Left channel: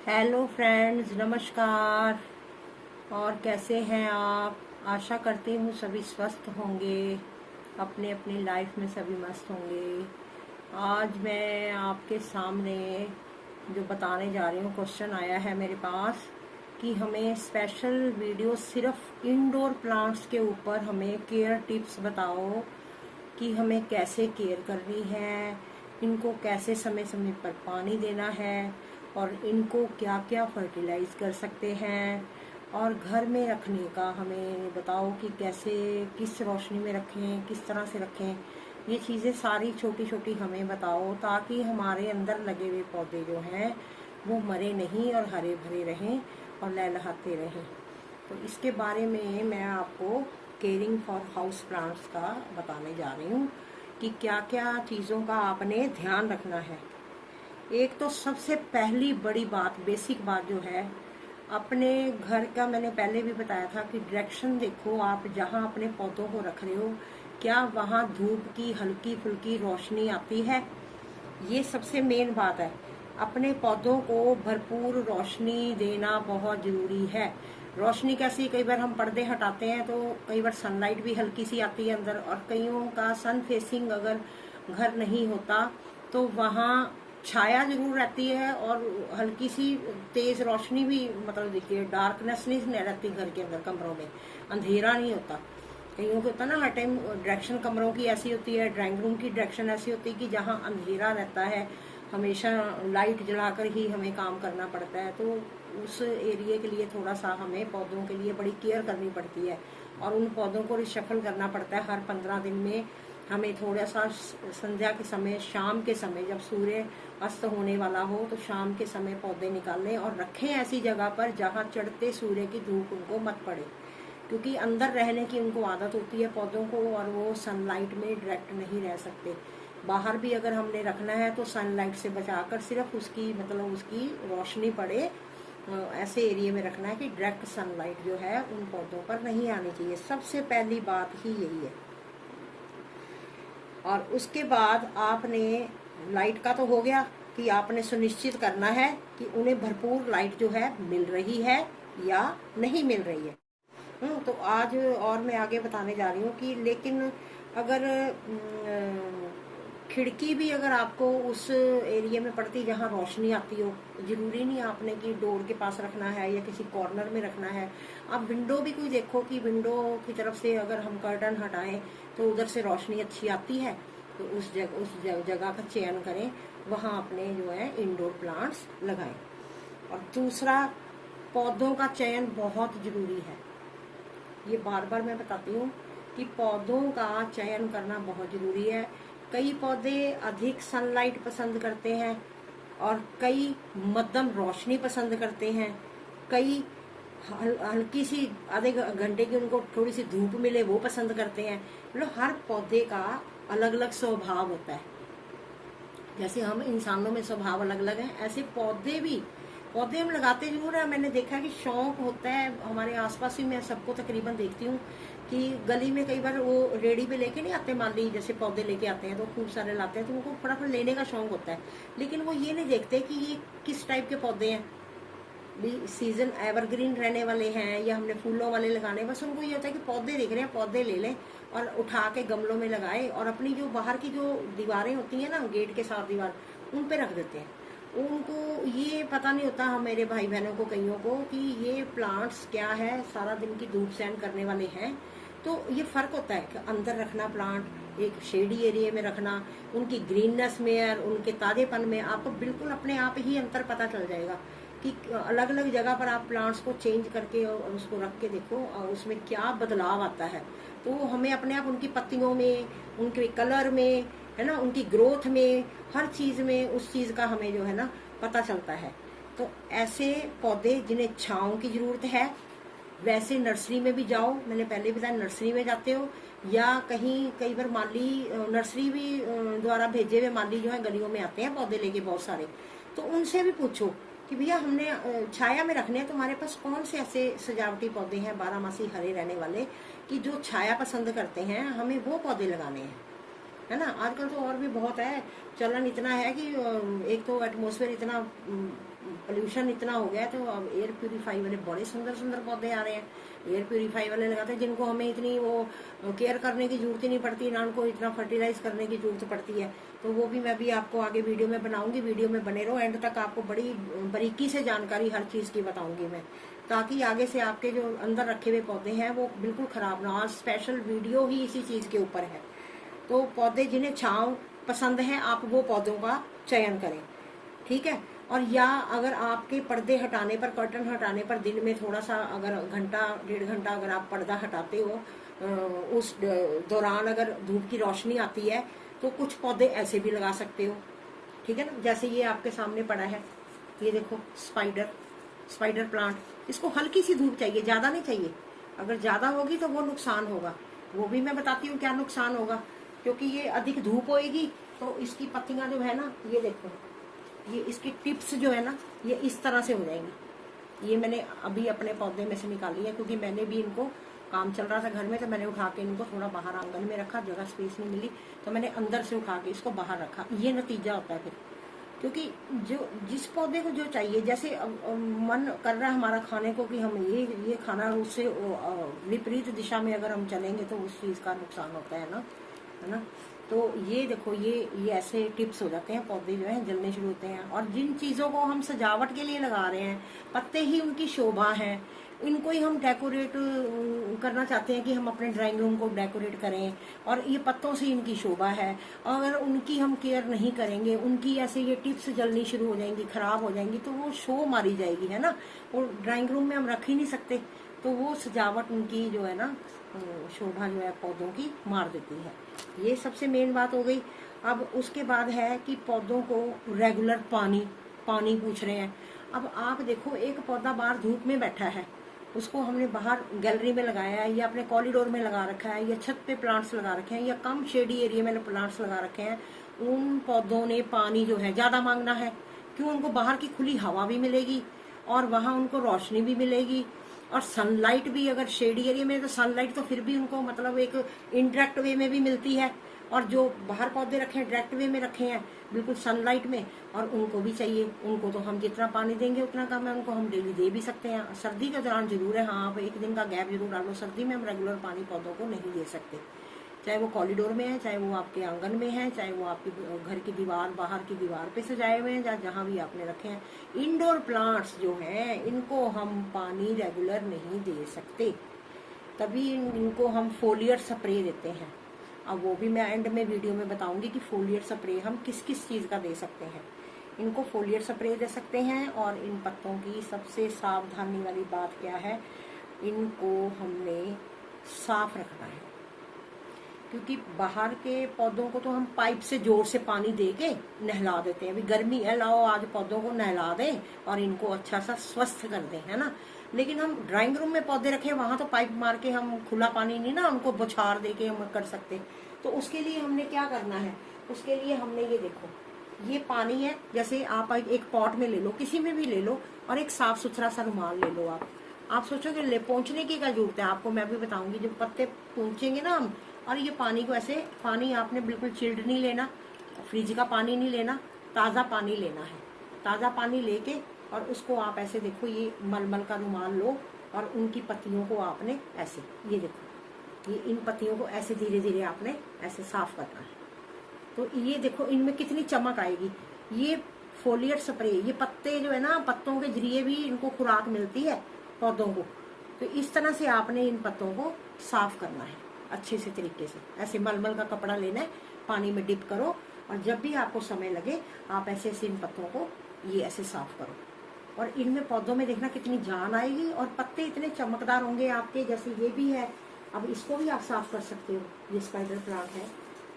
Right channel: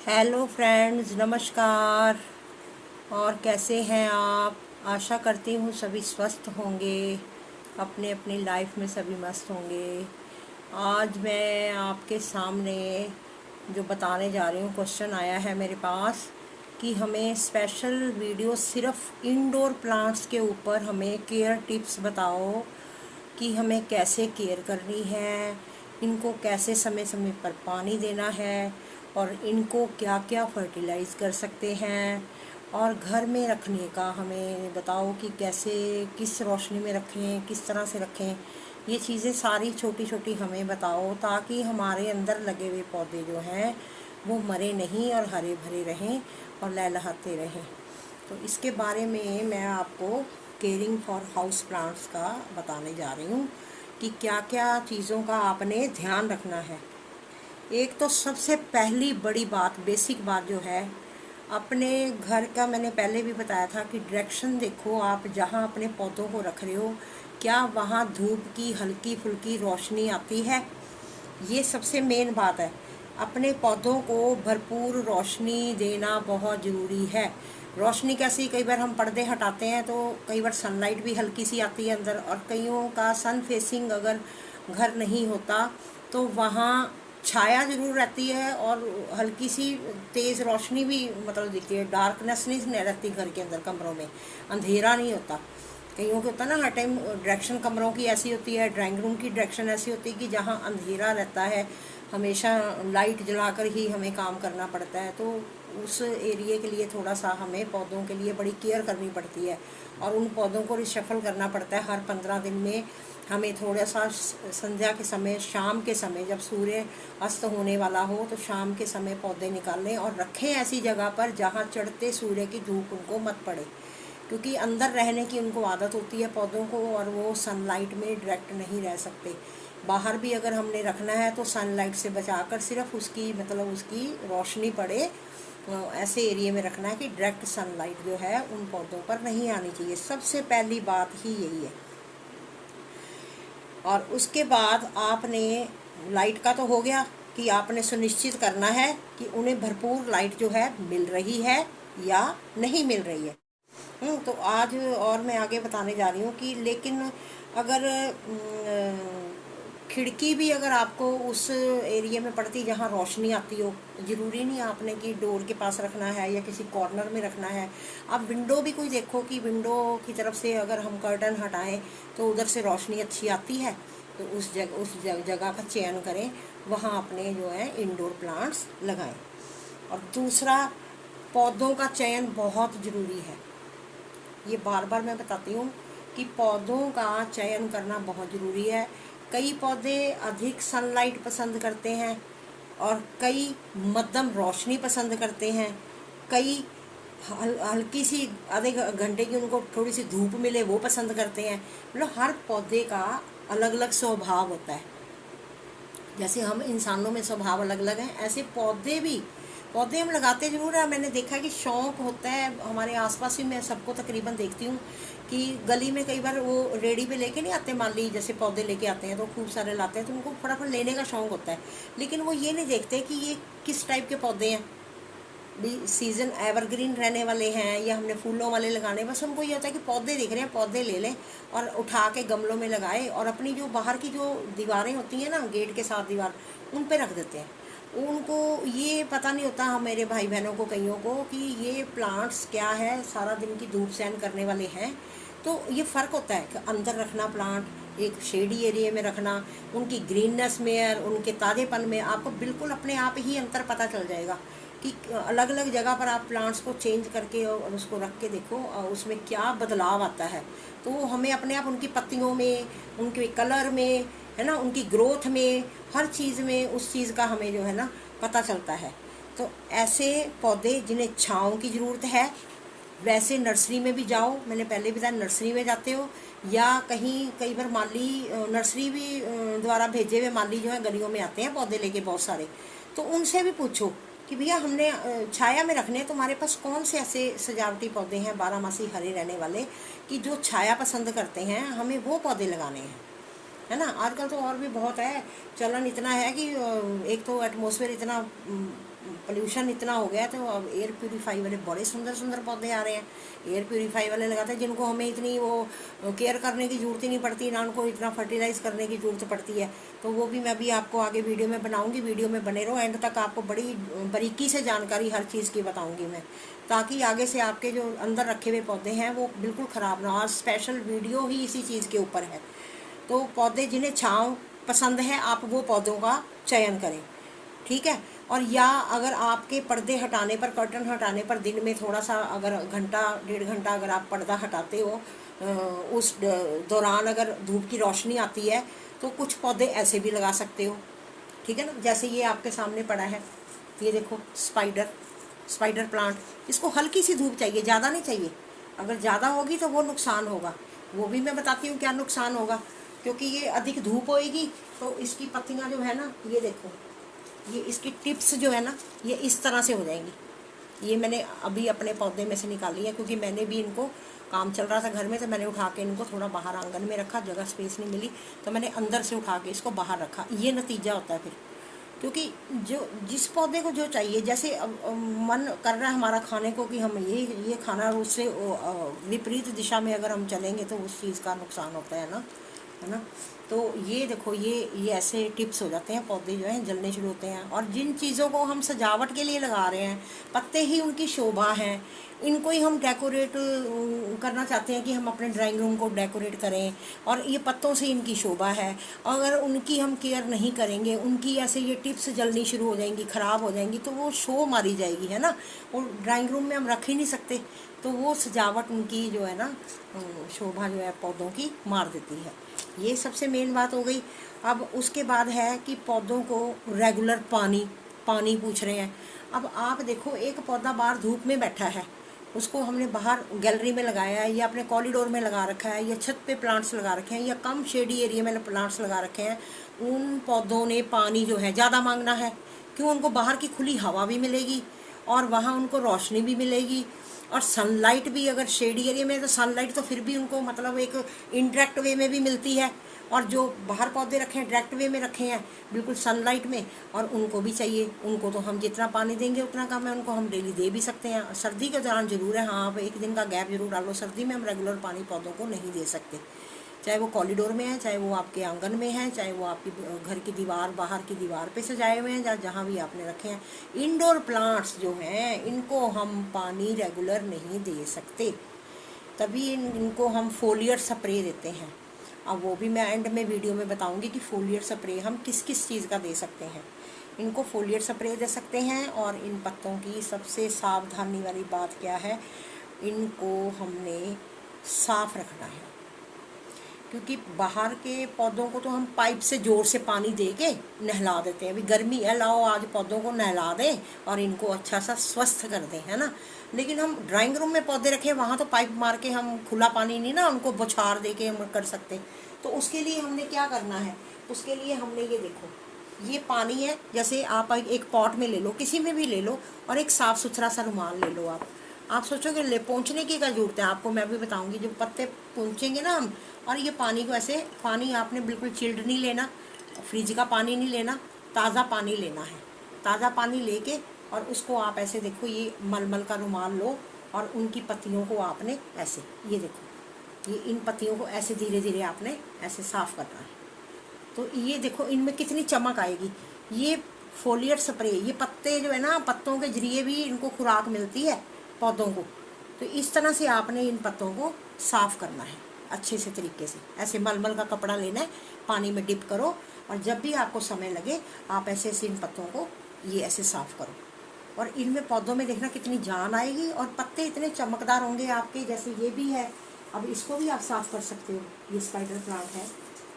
Hello friends, नमस्कार। और कैसे हैं आप? आशा करती हूँ सभी स्वस्थ होंगे, अपने अपनी लाइफ में सभी मस्त होंगे। आज मैं आपके सामने जो बताने जा रही हूँ, क्वेश्चन आया है मेरे पास कि हमें स्पेशल वीडियो सिर्फ इंडोर प्लांट्स के ऊपर हमें केयर टिप्स बताओ कि हमें कैसे केयर करनी है, इनको कैसे समय समय पर पानी देना है, और इनको क्या क्या फर्टिलाइज़ कर सकते हैं, और घर में रखने का हमें बताओ कि कैसे, किस रोशनी में रखें, किस तरह से रखें। ये चीज़ें सारी छोटी छोटी हमें बताओ ताकि हमारे अंदर लगे हुए पौधे जो हैं वो मरे नहीं और हरे भरे रहें और लहलहाते रहें। तो इसके बारे में मैं आपको केयरिंग फॉर हाउस प्लांट्स का बताने जा रही हूँ कि क्या क्या चीज़ों का आपने ध्यान रखना है। एक तो सबसे पहली बड़ी बात, बेसिक बात जो है, अपने घर का मैंने पहले भी बताया था कि डायरेक्शन देखो। आप जहाँ अपने पौधों को रख रहे हो, क्या वहाँ धूप की हल्की फुल्की रोशनी आती है? ये सबसे मेन बात है। अपने पौधों को भरपूर रोशनी देना बहुत ज़रूरी है। रोशनी कैसी, कई बार हम पर्दे हटाते हैं तो कई बार सनलाइट भी हल्की सी आती है अंदर, और कईयों का सन फेसिंग अगर घर नहीं होता तो वहाँ छाया ज़रूर रहती है और हल्की सी तेज़ रोशनी भी मतलब दिखती है। डार्कनेस नहीं रहती घर के अंदर, कमरों में अंधेरा नहीं होता। कईयों को होता है ना, हर टाइम डायरेक्शन कमरों की ऐसी होती है, ड्राइंग रूम की डायरेक्शन ऐसी होती है कि जहाँ अंधेरा रहता है, हमेशा लाइट जलाकर ही हमें काम करना पड़ता है। तो उस एरिया के लिए थोड़ा सा हमें पौधों के लिए बड़ी केयर करनी पड़ती है, और उन पौधों को रिशफल करना पड़ता है हर 15 दिन में। हमें थोड़ा सा संध्या के समय, शाम के समय, जब सूर्य अस्त होने वाला हो तो शाम के समय पौधे निकालें और रखें ऐसी जगह पर जहाँ चढ़ते सूर्य की धूप उनको मत पड़े, क्योंकि अंदर रहने की उनको आदत होती है पौधों को, और वो सनलाइट में डायरेक्ट नहीं रह सकते। बाहर भी अगर हमने रखना है तो सनलाइट से बचाकर सिर्फ उसकी मतलब उसकी रोशनी पड़े, ऐसे एरिया में रखना है कि डायरेक्ट सनलाइट जो है उन पौधों पर नहीं आनी चाहिए। सबसे पहली बात ही यही है। और उसके बाद आपने लाइट का तो हो गया कि आपने सुनिश्चित करना है कि उन्हें भरपूर लाइट जो है मिल रही है या नहीं मिल रही है। तो आज और मैं आगे बताने जा रही हूँ कि लेकिन अगर खिड़की भी अगर आपको उस एरिया में पड़ती जहाँ रोशनी आती हो, ज़रूरी नहीं आपने कि डोर के पास रखना है या किसी कॉर्नर में रखना है। आप विंडो भी कोई देखो कि विंडो की तरफ से अगर हम कर्टन हटाएं तो उधर से रोशनी अच्छी आती है, तो उस जगह का चयन करें, वहाँ अपने जो है इंडोर प्लांट्स लगाएं। और दूसरा, पौधों का चयन बहुत ज़रूरी है। ये बार बार मैं बताती हूँ कि पौधों का चयन करना बहुत ज़रूरी है। कई पौधे अधिक सनलाइट पसंद करते हैं, और कई मध्यम रोशनी पसंद करते हैं। कई हल्की सी आधे घंटे की उनको थोड़ी सी धूप मिले वो पसंद करते हैं। मतलब हर पौधे का अलग अलग स्वभाव होता है। जैसे हम इंसानों में स्वभाव अलग अलग हैं, ऐसे पौधे हम लगाते जरूर हैं। मैंने देखा कि शौक होता है हमारे आसपास भी, मैं सबको तकरीबन देखती हूँ कि गली में कई बार वो रेडी पे लेके नहीं आते, माली जैसे पौधे लेके आते हैं तो खूब सारे लाते हैं, तो उनको फटाफट लेने का शौक होता है। लेकिन वो ये नहीं देखते कि ये किस टाइप के पौधे हैं, भी सीजन एवरग्रीन रहने वाले हैं या हमने फूलों वाले लगाने। बस उनको ये होता है कि पौधे दिख रहे हैं, पौधे ले लें और उठा के गमलों में लगाए, और अपनी जो बाहर की जो दीवारें होती हैं ना, गेट के साथ दीवार, उन पे रख देते हैं। उनको ये पता नहीं होता, हम मेरे भाई बहनों को कईयों को, कि ये प्लांट्स क्या है, सारा दिन की धूप सहन करने वाले हैं। तो ये फ़र्क होता है कि अंदर रखना प्लांट, एक शेडी एरिया में रखना, उनकी ग्रीननेस में और उनके ताज़ेपन में आपको बिल्कुल अपने आप ही अंतर पता चल जाएगा कि अलग अलग जगह पर आप प्लांट्स को चेंज करके और उसको रख के देखो और उसमें क्या बदलाव आता है। तो हमें अपने आप उनकी पत्तियों में, उनके कलर में, है ना, उनकी ग्रोथ में, हर चीज़ में उस चीज़ का हमें जो है ना पता चलता है। तो ऐसे पौधे जिन्हें छाँव की ज़रूरत है, वैसे नर्सरी में भी जाओ, मैंने पहले भी बताया, नर्सरी में जाते हो या कहीं कई बार माली नर्सरी भी द्वारा भेजे हुए माली जो है गलियों में आते हैं पौधे लेके बहुत सारे, तो उनसे भी पूछो कि भैया हमने छाया में रखने हैं, तुम्हारे पास कौन से ऐसे सजावटी पौधे हैं बारहमासी हरे रहने वाले कि जो छाया पसंद करते हैं, हमें वो पौधे लगाने हैं। है ना। आजकल तो और भी बहुत है, चलन इतना है कि एक तो एटमॉस्फेयर इतना पोल्यूशन इतना हो गया, तो अब एयर प्यूरीफाई वाले बड़े सुंदर सुंदर पौधे आ रहे हैं, एयर प्यूरीफाई वाले लगाते हैं, जिनको हमें इतनी वो केयर करने की ज़रूरत ही नहीं पड़ती, ना उनको इतना फर्टिलाइज करने की ज़रूरत पड़ती है। तो वो भी मैं भी आपको आगे वीडियो में बनाऊंगी, वीडियो में बने रहो एंड तक, आपको बड़ी बारीकी से जानकारी हर चीज़ की बताऊंगी मैं, ताकि आगे से आपके जो अंदर रखे हुए पौधे हैं वो बिल्कुल ख़राब ना हो। आज स्पेशल वीडियो ही इसी चीज़ के ऊपर है। तो पौधे जिन्हें छाँव पसंद है, आप वो पौधों का चयन करें, ठीक है। और या अगर आपके पर्दे हटाने पर, कर्टन हटाने पर दिन में थोड़ा सा अगर घंटा 1.5 घंटा अगर आप पर्दा हटाते हो, उस दौरान अगर धूप की रोशनी आती है, तो कुछ पौधे ऐसे भी लगा सकते हो, ठीक है ना। जैसे ये आपके सामने पड़ा है, ये देखो स्पाइडर प्लांट, इसको हल्की सी धूप चाहिए, ज़्यादा नहीं चाहिए। अगर ज़्यादा होगी तो वो नुकसान होगा, वो भी मैं बताती हूँ क्या नुकसान होगा। क्योंकि ये अधिक धूप होएगी तो इसकी पत्तियाँ जो है ना, ये देखो, ये इसकी टिप्स जो है ना, ये इस तरह से हो जाएंगी। ये मैंने अभी अपने पौधे में से निकाली है, क्योंकि मैंने भी इनको, काम चल रहा था घर में, तो मैंने उठा के इनको थोड़ा बाहर आंगन में रखा, जगह स्पेस नहीं मिली तो मैंने अंदर से उठा के इसको बाहर रखा। ये नतीजा होता है फिर, क्योंकि जो जिस पौधे को जो चाहिए, जैसे मन कर रहा है हमारा खाने को कि हम ये खाना, उससे विपरीत दिशा में अगर हम चलेंगे तो उस चीज़ का नुकसान होता है ना। तो ये देखो, ये ऐसे टिप्स हो जाते हैं, पौधे जो हैं जलने शुरू होते हैं। और जिन चीज़ों को हम सजावट के लिए लगा रहे हैं, पत्ते ही उनकी शोभा है, इनको ही हम डेकोरेट करना चाहते हैं कि हम अपने ड्राइंग रूम को डेकोरेट करें, और ये पत्तों से इनकी शोभा है। अगर उनकी हम केयर नहीं करेंगे, उनकी ऐसे ये टिप्स जलनी शुरू हो जाएंगी, ख़राब हो जाएंगी, तो वो शो मारी जाएगी, है ना। और ड्राइंग रूम में हम रख ही नहीं सकते, तो वो सजावट उनकी जो है ना, शोभा जो है पौधों की मार देती है। ये सबसे मेन बात हो गई। अब उसके बाद है कि पौधों को रेगुलर पानी पूछ रहे हैं। अब आप देखो, एक पौधा बाहर धूप में बैठा है, उसको हमने बाहर गैलरी में लगाया है, या अपने कॉरिडोर में लगा रखा है, या छत पे प्लांट्स लगा रखे हैं, या कम शेडी एरिया में प्लांट्स लगा रखे हैं। उन पौधों ने पानी जो है ज़्यादा मांगना है, क्यों? उनको बाहर की खुली हवा भी मिलेगी, और वहाँ उनको रोशनी भी मिलेगी, और सनलाइट भी, अगर शेडी एरिया में तो सनलाइट तो फिर भी उनको मतलब एक इनडायरेक्ट वे में भी मिलती है, और जो बाहर पौधे रखे हैं डायरेक्ट वे में रखे हैं, बिल्कुल सनलाइट में, और उनको भी चाहिए। उनको तो हम जितना पानी देंगे उतना कम है, उनको हम डेली दे भी सकते हैं। सर्दी के दौरान ज़रूर है, हाँ, आप एक दिन का गैप जरूर डालो। सर्दी में हम रेगुलर पानी पौधों को नहीं दे सकते, चाहे वो कॉरिडोर में है, चाहे वो आपके आंगन में है, चाहे वो आपकी घर की दीवार, बाहर की दीवार पे सजाए हुए हैं, जहाँ भी आपने रखे हैं। इंडोर प्लांट्स जो हैं, इनको हम पानी रेगुलर नहीं दे सकते, तभी इनको हम फोलियर स्प्रे देते हैं। अब वो भी मैं एंड में वीडियो में बताऊंगी कि फोलियर स्प्रे हम किस किस चीज़ का दे सकते हैं। इनको फोलियर स्प्रे दे सकते हैं। और इन पत्तों की सबसे सावधानी वाली बात क्या है, इनको हमने साफ रखना है, क्योंकि बाहर के पौधों को तो हम पाइप से ज़ोर से पानी दे के नहला देते हैं। अभी गर्मी है, लाओ आज पौधों को नहला दें और इनको अच्छा सा स्वस्थ कर दें, है ना। लेकिन हम ड्राइंग रूम में पौधे रखें, वहाँ तो पाइप मार के हम खुला पानी नहीं ना उनको बौछार दे के हम कर सकते। तो उसके लिए हमने क्या करना है, उसके लिए हमने ये देखो, ये पानी है, जैसे आप एक पॉट में ले लो, किसी में भी ले लो, और एक साफ़ सुथरा सा रुमाल ले लो। आप सोचोगे ले पहुँचने की क्या जरूरत है आपको, मैं भी बताऊँगी। जब पत्ते पहुँचेंगे ना हम, और ये पानी को ऐसे, पानी आपने बिल्कुल चिल्ड नहीं लेना, फ्रिज का पानी नहीं लेना, ताज़ा पानी लेना है। ताज़ा पानी लेके और उसको आप ऐसे देखो, ये मलमल का रुमाल लो, और उनकी पत्तियों को आपने ऐसे, ये देखो, ये इन पत्तियों को ऐसे धीरे धीरे आपने ऐसे साफ़ करना है। तो ये देखो, इनमें कितनी चमक आएगी। ये फोलियर स्प्रे, ये पत्ते जो है ना, पत्तों के जरिए भी इनको खुराक मिलती है पौधों को। तो इस तरह से आपने इन पत्तों को साफ़ करना है अच्छे से तरीके से। ऐसे मलमल का कपड़ा लेना है, पानी में डिप करो, और जब भी आपको समय लगे आप ऐसे ऐसे इन पत्तों को ये ऐसे साफ़ करो। और इनमें पौधों में देखना कितनी जान आएगी, और पत्ते इतने चमकदार होंगे आपके। जैसे ये भी है, अब इसको भी आप साफ़ कर सकते हो। ये स्पाइडर प्लांट है,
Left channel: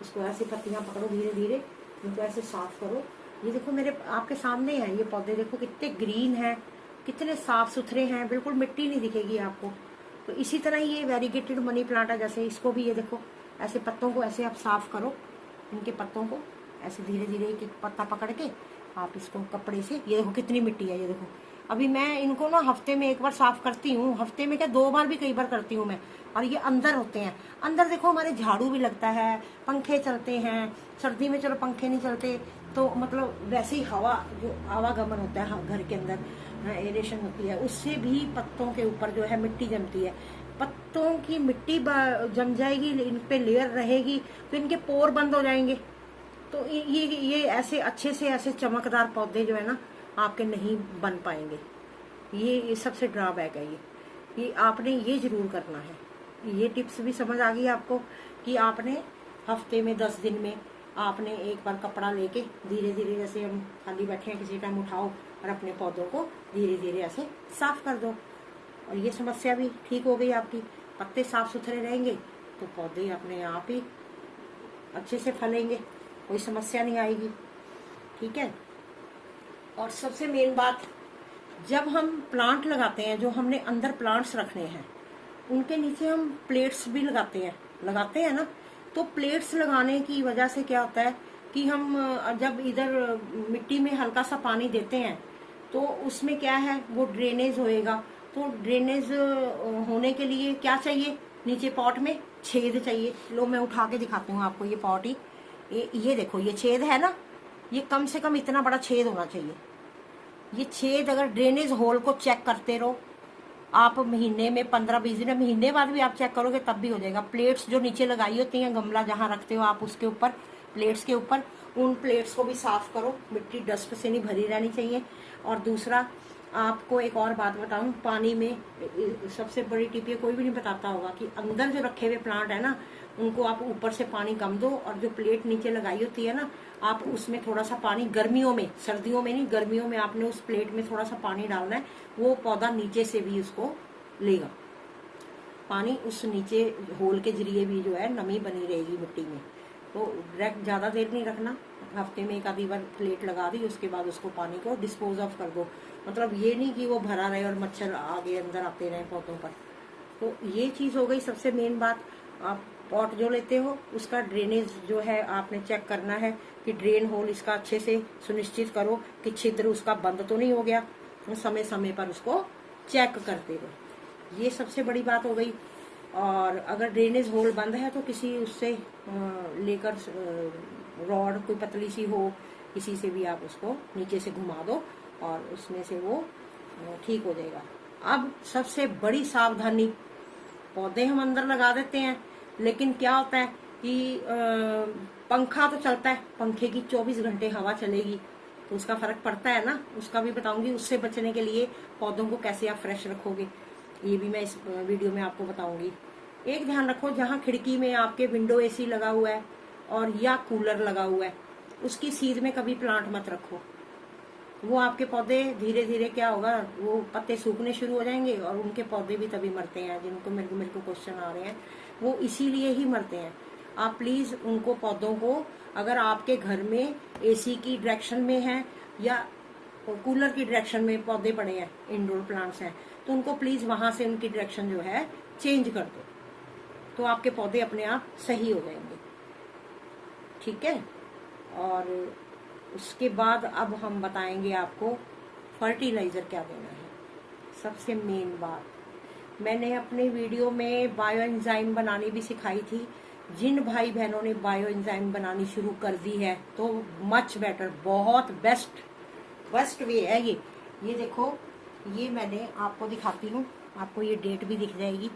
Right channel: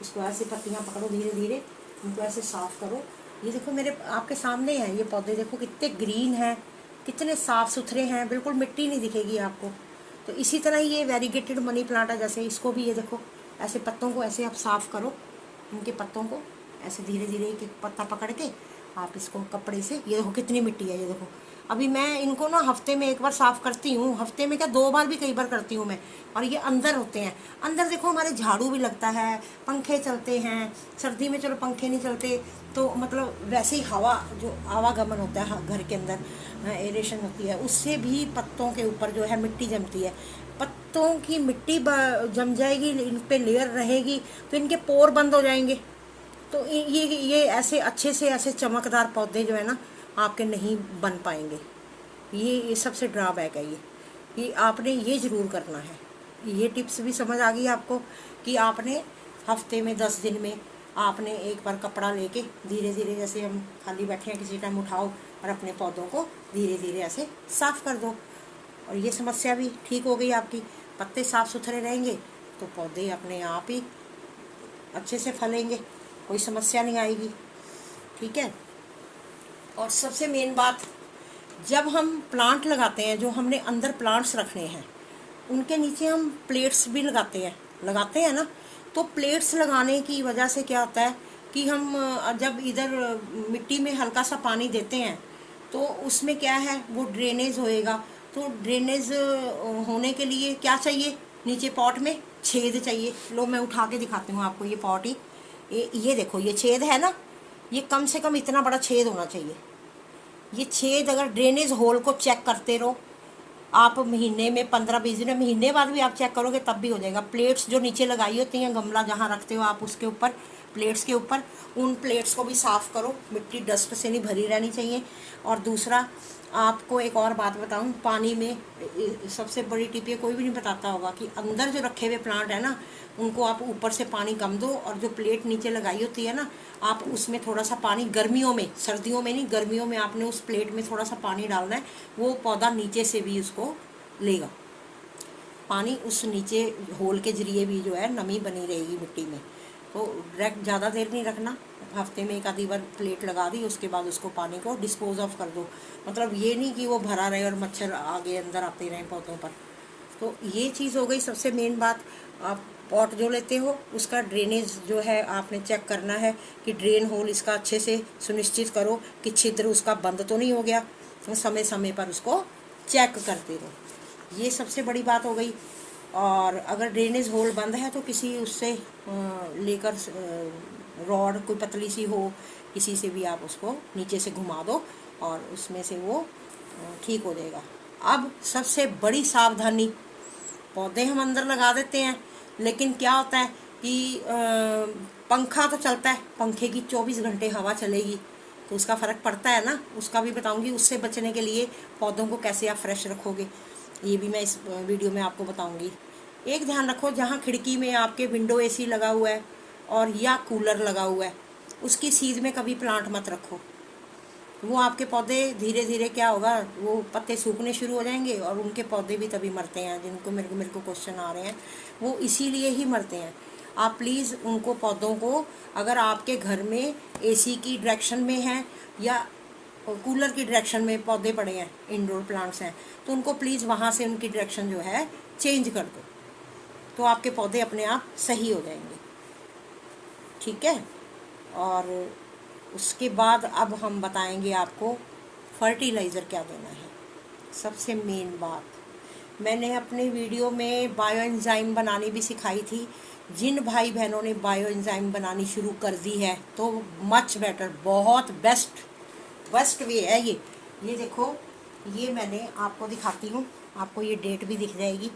इसको ऐसे पत्तियाँ पकड़ो, धीरे धीरे इनको ऐसे साफ़ करो। ये देखो मेरे आपके सामने है, ये पौधे देखो कितने ग्रीन हैं, कितने साफ़ सुथरे हैं, बिल्कुल मिट्टी नहीं दिखेगी आपको। तो इसी तरह ये वेरीगेटेड मनी प्लांट है, जैसे इसको भी ये देखो, ऐसे पत्तों को ऐसे आप साफ़ करो, इनके पत्तों को ऐसे धीरे धीरे एक एक पत्ता पकड़ के आप इसको कपड़े से, ये देखो कितनी मिट्टी है, ये देखो। अभी मैं इनको ना हफ्ते में एक बार साफ़ करती हूँ, हफ्ते में क्या 2 बार भी कई बार करती हूँ मैं। और ये अंदर होते हैं, अंदर देखो हमारे झाड़ू भी लगता है, पंखे चलते हैं। सर्दी में चलो पंखे नहीं चलते तो मतलब वैसे ही हवा जो आवागमन होता है घर के अंदर, एरेशन होती है, उससे भी पत्तों के ऊपर जो है मिट्टी जमती है। पत्तों की मिट्टी जम जाएगी, इन पे लेयर रहेगी तो इनके पोर बंद हो जाएंगे। तो ये ऐसे अच्छे से ऐसे चमकदार पौधे जो है ना आपके नहीं बन पाएंगे। ये सबसे ड्रॉबैक है। ये आपने ये ज़रूर करना है। ये टिप्स भी समझ आ गई आपको कि आपने हफ्ते में 10 दिन में आपने एक बार कपड़ा लेके धीरे धीरे, जैसे हम खाली बैठे हैं किसी टाइम, उठाओ और अपने पौधों को धीरे धीरे ऐसे साफ़ कर दो। और ये समस्या भी ठीक हो गई आपकी। पत्ते साफ़ सुथरे रहेंगे तो पौधे अपने आप ही अच्छे से फलेंगे, कोई समस्या नहीं आएगी। ठीक है। और सबसे मेन बात, जब हम प्लांट लगाते हैं, जो हमने अंदर प्लांट्स रखने हैं उनके नीचे हम प्लेट्स भी लगाते हैं ना। तो प्लेट्स लगाने की वजह से क्या होता है कि हम जब इधर मिट्टी में हल्का सा पानी देते हैं तो उसमें क्या है, वो ड्रेनेज होएगा। तो ड्रेनेज होने के लिए क्या चाहिए, नीचे पॉट में छेद चाहिए। लो मैं उठा के दिखाती हूँ आपको ये पॉट ही। ये देखो ये छेद है ना, ये कम से कम इतना बड़ा छेद होना चाहिए। ये छेद अगर ड्रेनेज होल को चेक करते रहो आप, महीने में 15-20 दिन, महीने बाद भी आप चेक करोगे तब भी हो जाएगा। प्लेट्स जो नीचे लगाई होती हैं, गमला जहाँ रखते हो आप उसके ऊपर, प्लेट्स के ऊपर, उन प्लेट्स को भी साफ़ करो। मिट्टी डस्ट से नहीं भरी रहनी चाहिए। और दूसरा आपको एक और बात बताऊं, पानी में सबसे बड़ी टिप ये कोई भी नहीं बताता होगा कि अंदर जो रखे हुए प्लांट है ना उनको आप ऊपर से पानी कम दो, और जो प्लेट नीचे लगाई होती है ना आप उसमें थोड़ा सा पानी, गर्मियों में, सर्दियों में नहीं, गर्मियों में आपने उस प्लेट में थोड़ा सा पानी डालना है। वो पौधा नीचे से भी उसको लेगा पानी, उस नीचे होल के जरिए भी जो है नमी बनी रहेगी मिट्टी में। तो डायरेक्ट ज़्यादा देर नहीं रखना, हफ्ते में एक आधी बार प्लेट लगा दी, उसके बाद उसको पानी को डिस्पोज ऑफ कर दो। मतलब ये नहीं कि वो भरा रहे और मच्छर आगे अंदर आते रहें पौधों पर। तो ये चीज़ हो गई सबसे मेन बात। आप पॉट जो लेते हो उसका ड्रेनेज जो है आपने चेक करना है कि ड्रेन होल इसका अच्छे से सुनिश्चित करो कि छिद्र उसका बंद तो नहीं हो गया। तो समय समय पर उसको चेक करते रहो। ये सबसे बड़ी बात हो गई। और अगर ड्रेनेज होल बंद है तो किसी उससे लेकर रॉड कोई पतली सी हो, किसी से भी आप उसको नीचे से घुमा दो और उसमें से वो ठीक हो जाएगा। अब सबसे बड़ी सावधानी, पौधे हम अंदर लगा देते हैं लेकिन क्या होता है कि पंखा तो चलता है, पंखे की 24 घंटे हवा चलेगी तो उसका फ़र्क पड़ता है ना। उसका भी बताऊंगी, उससे बचने के लिए पौधों को कैसे आप फ्रेश रखोगे ये भी मैं इस वीडियो में आपको बताऊंगी। एक ध्यान रखो, जहाँ खिड़की में आपके विंडो एसी लगा हुआ है और या कूलर लगा हुआ है उसकी सीध में कभी प्लांट मत रखो। वो आपके पौधे धीरे धीरे क्या होगा, वो पत्ते सूखने शुरू हो जाएंगे और उनके पौधे भी तभी मरते हैं। जिनको मेरे को क्वेश्चन आ रहे हैं वो इसीलिए ही मरते हैं। आप प्लीज़ उनको पौधों को, अगर आपके घर में एसी की डायरेक्शन में है या कूलर की डायरेक्शन में पौधे पड़े हैं, इंडोर प्लांट्स हैं, तो उनको प्लीज़ वहाँ से उनकी डायरेक्शन जो है चेंज कर दो, तो आपके पौधे अपने आप सही हो जाएंगे। ठीक है। और उसके बाद अब हम बताएंगे आपको फर्टिलाइज़र क्या देना है। सबसे मेन बात, मैंने अपने वीडियो में बायो एंजाइम बनानी भी सिखाई थी। जिन भाई बहनों ने बायो एंजाइम बनानी शुरू कर दी है तो मच बेटर, बहुत बेस्ट वे है ये देखो, ये मैंने आपको दिखाती हूँ, आपको ये डेट भी दिख जाएगी।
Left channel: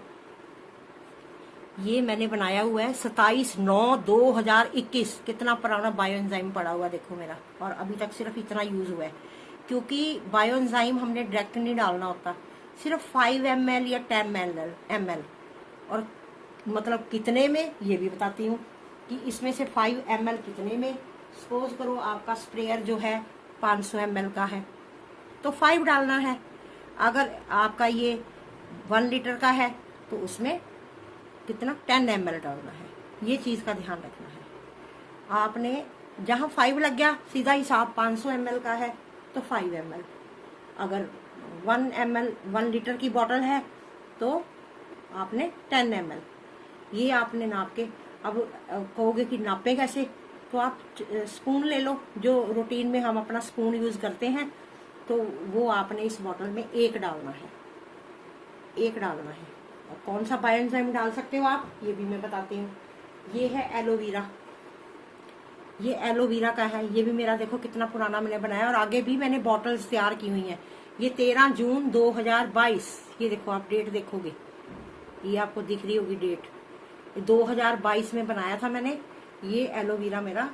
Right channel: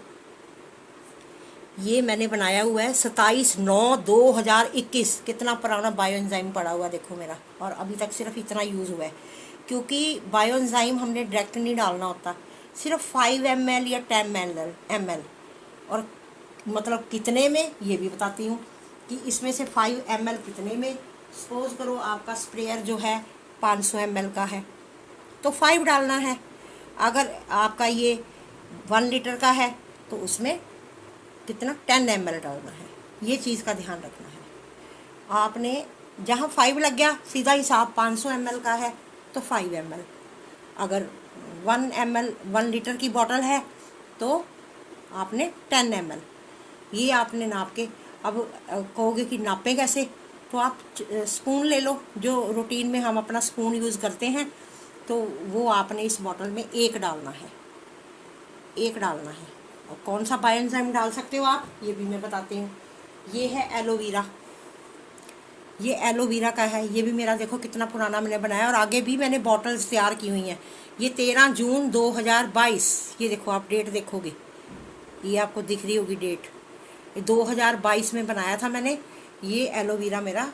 ये मैंने बनाया हुआ है 27/9/2021। कितना पुराना बायो एंजाइम पड़ा हुआ देखो मेरा, और अभी तक सिर्फ इतना यूज़ हुआ है। क्योंकि बायो एंजाइम हमने डायरेक्ट नहीं डालना होता, सिर्फ 5 ml या 10 ml। और मतलब कितने में ये भी बताती हूँ कि इसमें से 5 ml कितने में। सपोज करो आपका स्प्रेयर जो है 500 ml का है तो 5 डालना है। अगर आपका ये 1 लीटर का है तो उसमें कितना 10 ml डालना है। ये चीज़ का ध्यान रखना है आपने। जहाँ 5 लग गया सीधा हिसाब 500 ml का है तो 5 ml। अगर 1 ml 1 लीटर की बोतल है तो आपने 10 ml ये आपने नाप के। अब कहोगे कि नापें कैसे, तो आप स्पून ले लो, जो रूटीन में हम अपना स्पून यूज़ करते हैं तो वो आपने इस बॉटल में एक डालना है, एक डालना है। और कौन सा बायोएंजाइम डाल सकते हो आप, ये भी मैं बताती हूँ। ये है एलोवेरा, ये एलोवेरा का है। ये भी मेरा देखो कितना पुराना मैंने बनाया, और आगे भी मैंने बॉटल्स तैयार की हुई हैं। ये 13 जून 2022, ये देखो आप डेट देखोगे, ये आपको दिख रही होगी डेट, 2022 में बनाया था मैंने। ये एलोवेरा मेरा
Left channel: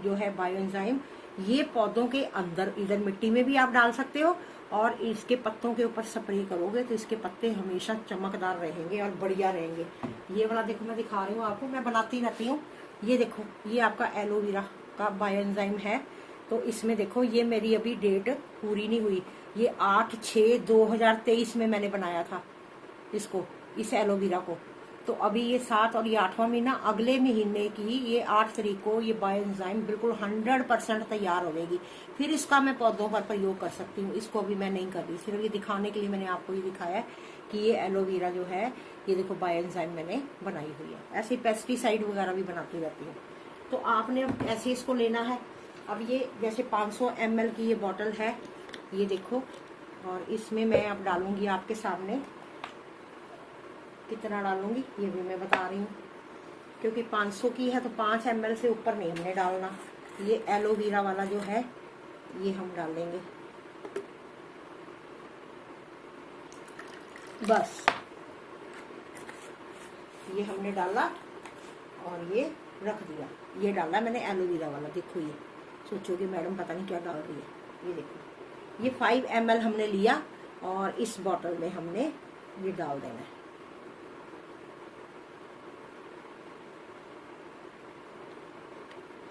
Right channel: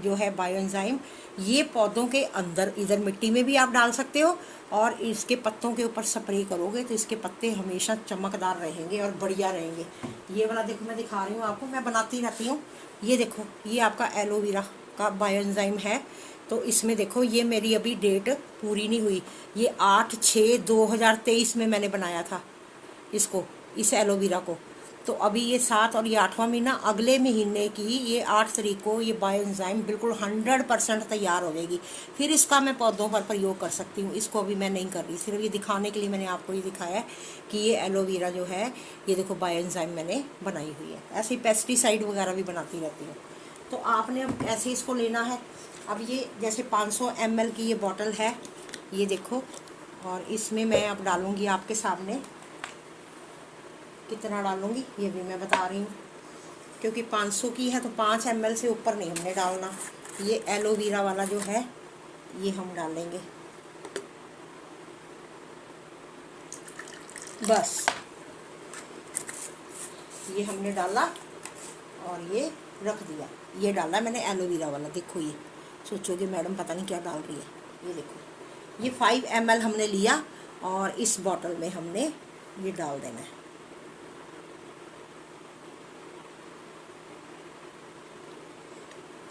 जो है बायोएंजाइम, ये पौधों के अंदर, इधर मिट्टी में भी आप डाल सकते हो, और इसके पत्तों के ऊपर स्प्रे करोगे तो इसके पत्ते हमेशा चमकदार रहेंगे और बढ़िया रहेंगे। ये वाला देखो मैं दिखा रही हूँ आपको, मैं बनाती रहती हूँ। ये देखो, ये आपका एलोवेरा का बायोएंजाइम है। तो इसमें देखो, ये मेरी अभी डेट पूरी नहीं हुई, ये 8/6/2023 में मैंने बनाया था इसको, इस एलोवेरा को। तो अभी ये 7 और ये 8वां महीना, अगले महीने की ये 8 तारीख को ये बायोएंजाइम बिल्कुल 100% तैयार हो जाएगी। फिर इसका मैं पौधों पर प्रयोग कर सकती हूँ। इसको अभी मैं नहीं कर रही, सिर्फ ये दिखाने के लिए मैंने आपको ये दिखाया है कि ये एलोवेरा जो है, ये देखो बायोएंजाइम मैंने बनाई हुई है। ऐसी पेस्टिसाइड वगैरह भी बनाती रहती हूँ। तो आपने अब ऐसे इसको लेना है। अब ये जैसे 500 ml की ये बॉटल है, ये देखो, और इसमें मैं अब डालूँगी आपके सामने। कितना डालूंगी ये भी मैं बता रही हूँ, क्योंकि 500 की है तो 5 ml से ऊपर नहीं हमने डालना। ये एलोवेरा वाला जो है ये हम डालेंगे, बस ये हमने डाला और ये रख दिया। ये डाला मैंने एलोवेरा वाला, देखो ये सोचोगे मैडम पता नहीं क्या डाल रही है। ये देखो, ये 5 ml हमने लिया और इस बॉटल में हमने ये डाल देना है।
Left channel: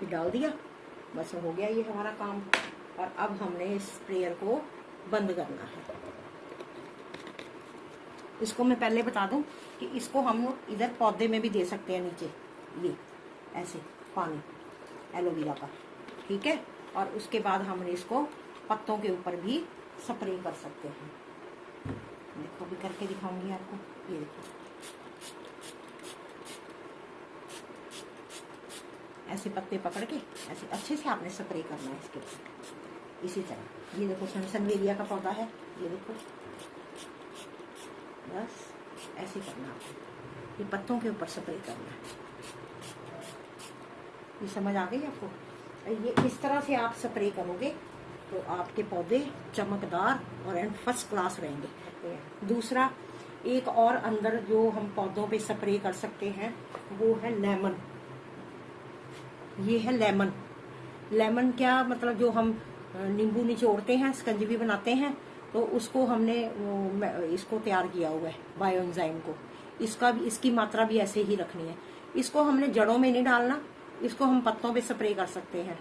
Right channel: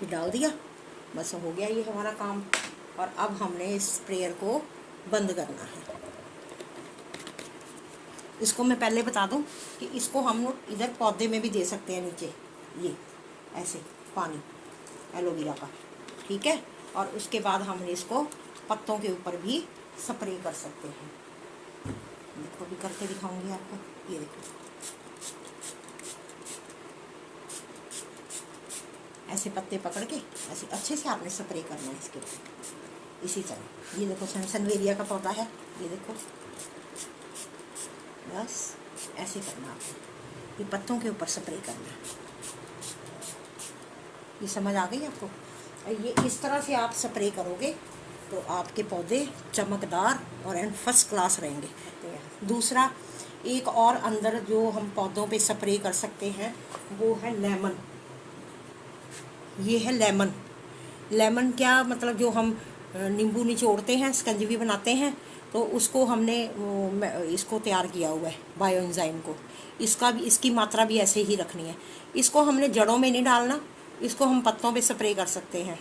डाल दिया, बस हो गया ये हमारा काम। और अब हमने इस स्प्रेयर को बंद करना है। इसको मैं पहले बता दूं कि इसको हम लोग इधर पौधे में भी दे सकते हैं, नीचे ये ऐसे पानी एलोवेरा का, ठीक है। और उसके बाद हम इसको पत्तों के ऊपर भी स्प्रे कर सकते हैं। देखो भी करके दिखाऊंगी आपको, ये देखो ऐसे पत्ते पकड़ के ऐसे अच्छे से आपने स्प्रे करना है इसके ऊपर। इसी तरह ये देखो सनसनवेरिया का पौधा है, ये देखो, बस ऐसे करना है, ये पत्तों के ऊपर स्प्रे करना है। ये समझ आ गई आपको? ये इस तरह से आप स्प्रे करोगे तो आपके पौधे चमकदार और एंड फर्स्ट क्लास रहेंगे। दूसरा, एक और अंदर जो हम पौधों पे स्प्रे कर सकते हैं वो है लेमन। ये है लेमन। लेमन क्या मतलब, जो हम नींबू निचोड़ते हैं, स्कंजवी बनाते हैं, तो उसको हमने इसको तैयार किया हुआ है बायोएंजाइम को। इसका भी, इसकी मात्रा भी ऐसे ही रखनी है। इसको हमने जड़ों में नहीं डालना, इसको हम पत्तों पे स्प्रे कर सकते हैं।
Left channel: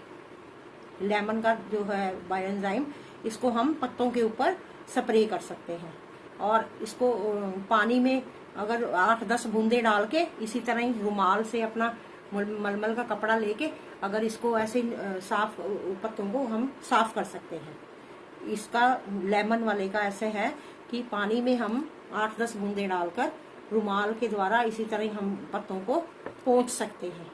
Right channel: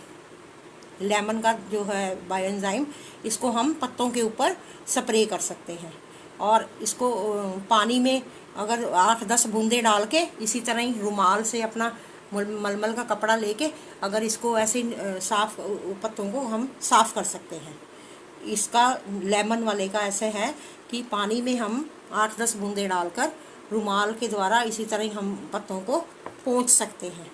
लेमन का जो है बायोएंजाइम, इसको हम पत्तों के ऊपर स्प्रे कर सकते हैं। और इसको पानी में अगर 8-10 बूंदे डाल के, इसी तरह ही रुमाल से अपना मलमल का कपड़ा लेके अगर इसको ऐसे साफ, पत्तों को हम साफ कर सकते हैं। इसका लेमन वाले का ऐसे है कि पानी में हम 8-10 बूंदे डालकर रुमाल के द्वारा इसी तरह ही हम पत्तों को पोंछ सकते हैं।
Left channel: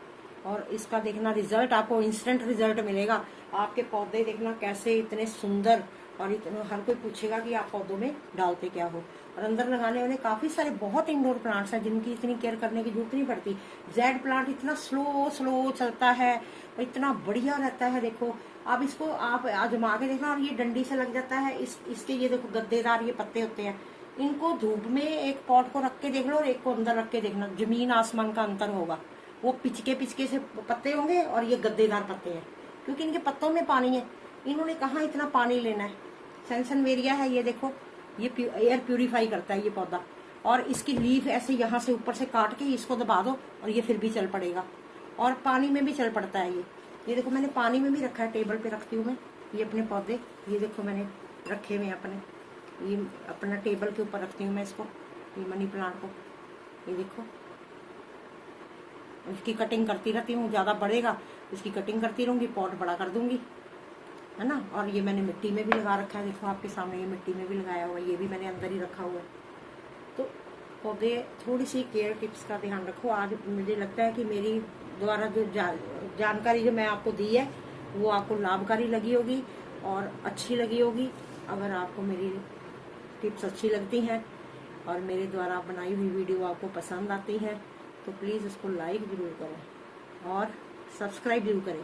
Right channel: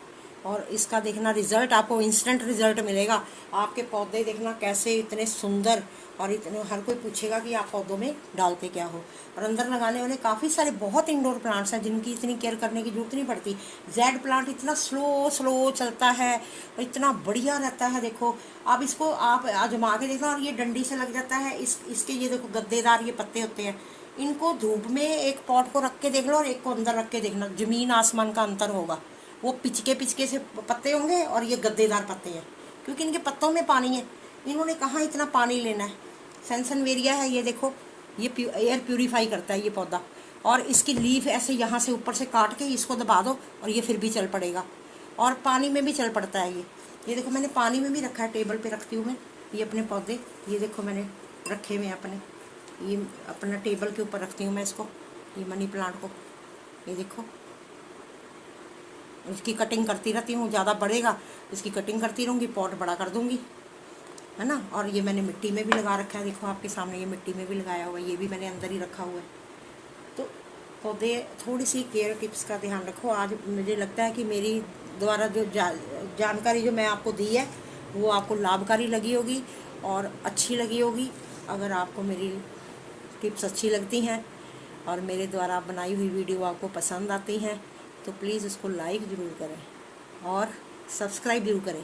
और इसका देखना रिजल्ट, आपको इंस्टेंट रिजल्ट मिलेगा। आपके पौधे देखना कैसे इतने सुंदर, और इतने हर कोई पूछेगा कि आप पौधों में डालते क्या हो। और अंदर लगाने वाले काफ़ी सारे बहुत इंडोर प्लांट्स हैं जिनकी इतनी केयर करने की जरूरत नहीं पड़ती। जेड प्लांट इतना स्लो चलता है और इतना बढ़िया रहता है। देखो अब इसको आप आजमा के देखना, और ये डंडी से लग जाता है। इसके ये देखो गद्देदार ये पत्ते होते हैं। इनको धूप में एक पॉट को रख के देख लो और एक को अंदर रख के देखना, जमीन आसमान का अंतर होगा। वो पिचके से पत्ते होंगे और ये गद्देदार पत्ते हैं, क्योंकि इनके पत्तों में पानी है। इन्होंने कहाँ इतना पानी लेना है। सनसनवेरिया है, ये देखो, ये एयर प्यूरीफाई करता है ये पौधा। और इसकी लीफ ऐसे यहाँ से ऊपर से काट के इसको दबा दो और ये फिर भी चल पड़ेगा। और पानी में भी चल पड़ता है ये देखो मैंने पानी में भी रखा है, टेबल पे रखती हूँ मैं ये अपने पौधे। ये देखो मैंने रखे हुए अपने, ये अपना टेबल के ऊपर रखती हूँ मैं इसको, ये मनी प्लांट को। ये देखो, इसकी कटिंग करती रहती हूँ, ज़्यादा बढ़ेगा इसकी कटिंग करती रहूँगी, पॉट बड़ा कर दूँगी, है ना। और ये मैंने मिट्टी में भी लगा रखा है, देखो आपके सामने ये मिट्टी में भी लगाया हुआ है, ये भी मैंने अंदर ही रखा हुआ है। तो पौधे, थोड़ी सी केयर टिप्स का ध्यान रखो। आज मुझे लगता है कि मेरी द्वारा जो जानकारी जो मैं आपको दी है वो आपको लाभकारी लगी होगी और अच्छी लगी होगी। अगर आपको मेरी टिप्स अच्छी लगती हैं और मेरे द्वारा बनाई हुई वीडियो आपको पसंद आती है तो प्लीज़ उसको लाइक ज़रूर करें और सब्सक्राइब ज़रूर करें।